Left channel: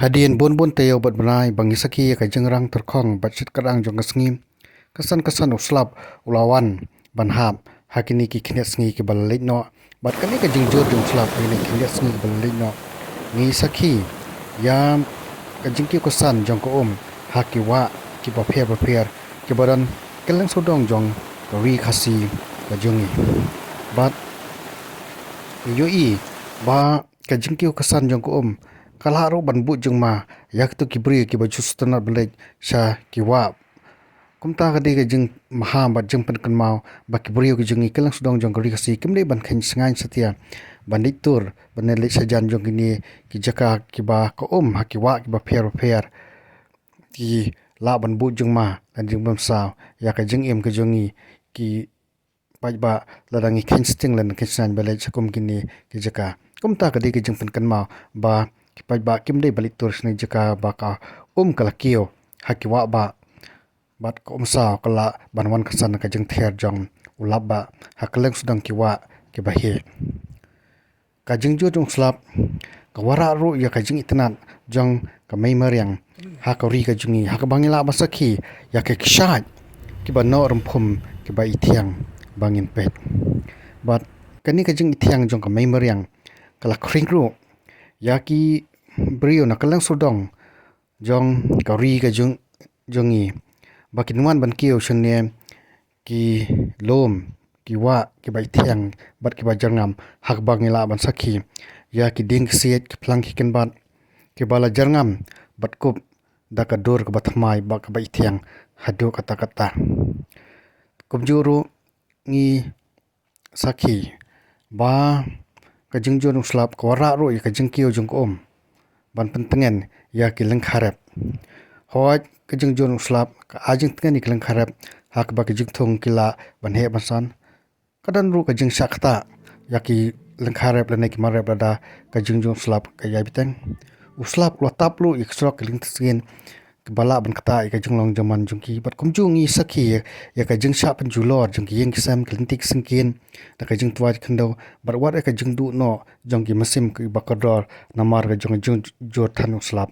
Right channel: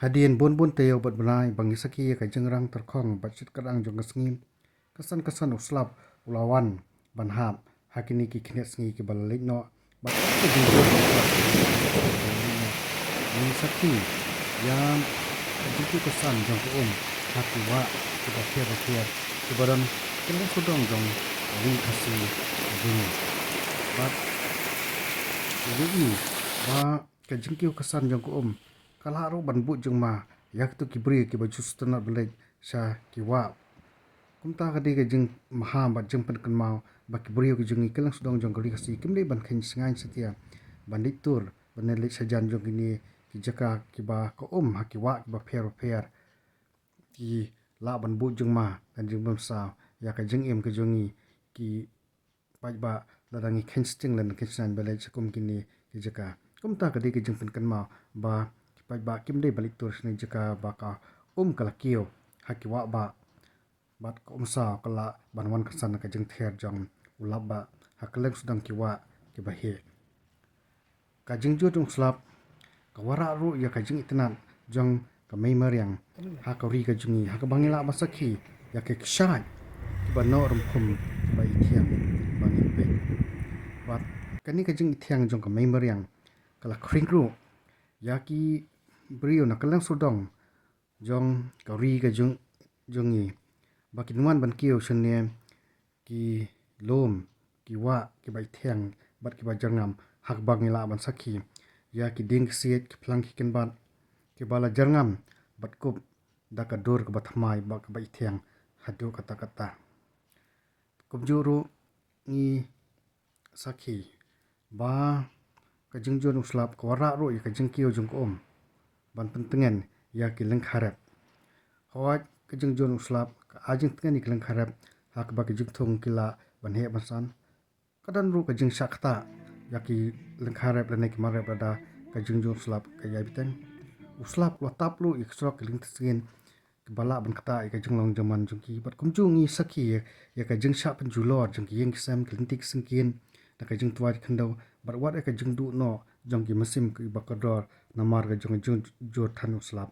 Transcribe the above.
Hadian bun tayo bat benai bangi saki ka jengrang terkong bat sit karang jong kasngi kesan uslap ulawan banhap hakini ki khinet sngi ki balait no bat kami ka jengjur jong uslap ki khinet sngi balait no ni saki yam ka jingki kesan jong ko haki wa ki ba pher ki baran kelen sodong jong ka wi khasi ka jing bat yoi ba ka jingki kesan jong ko kalaro banbu jeng ma yak tu kibri ki baju stana belaj sha ki wa kumta ka de ka jeng maha ba jeng pen kan mau ba kibri ki jeng ikelang sudong jong gari kasi kimle ban khan sangai satia banditur banele sajan jong ni ki jaka ki ba ko ha ki wa ki ba pher ki la banbu jeng ma dan jeng bam sa ya ka jeng em ka jongi ki ba ladangi khan sting lan khan san belaj sakum kini ki jaka kumta ka de ka jeng pen kan mau ba ba kim dei balik tur sni jaka ba ka kalakio hakiwa ba bat ko sa kala banwan kasan ka jeng ther jong ulab ba hakleng sudang kiwa ke ba he ka jeng jo jong slap ka wara ru ya ka jeng itnan jong ka mai maryang ha ka ri ka jungi ha ka bangila ba sakhi ya ke kshat ki ba no rum phum ki ba ithiang bangin pet bat kani ka jeng ithiang jong ka mai maryang kala khring ru ya ki brio na kalang sudong jong kari ka jongi bakinwan ban kiyo shne ki lom ki wa ki bai thiang bat ki ba jarngam hak bangila ban sakhi ya ki ding siet ki plang ki ken bat ki bala jarngam bat kup da ka dur ka bathmai ba ka bai thiang hadu kata kumjuru ngi sakhi ba ka jingjun slap ko ra ro ka jingkiyo jong ban pentengen ya ki lengkharep hoj ka jingjun slap ka ajing tengen ni lengkharep hak ba ka jingthong kila ban he basan kadan ru ka jing sakta ya ki lengkharep lene ki marep da ka jingjun slap ka ya biteng uslap lo taplu iksrok ling tsgen bala ban kata ka jinglong jaman jungki bat kumjungi sakhi ya ka jing sha pen julor jungki yeng kisam klintik singkin da ka jing twat khndo bar war ka jing du no jongki masim ki bakador namar ka jong jor thanu slap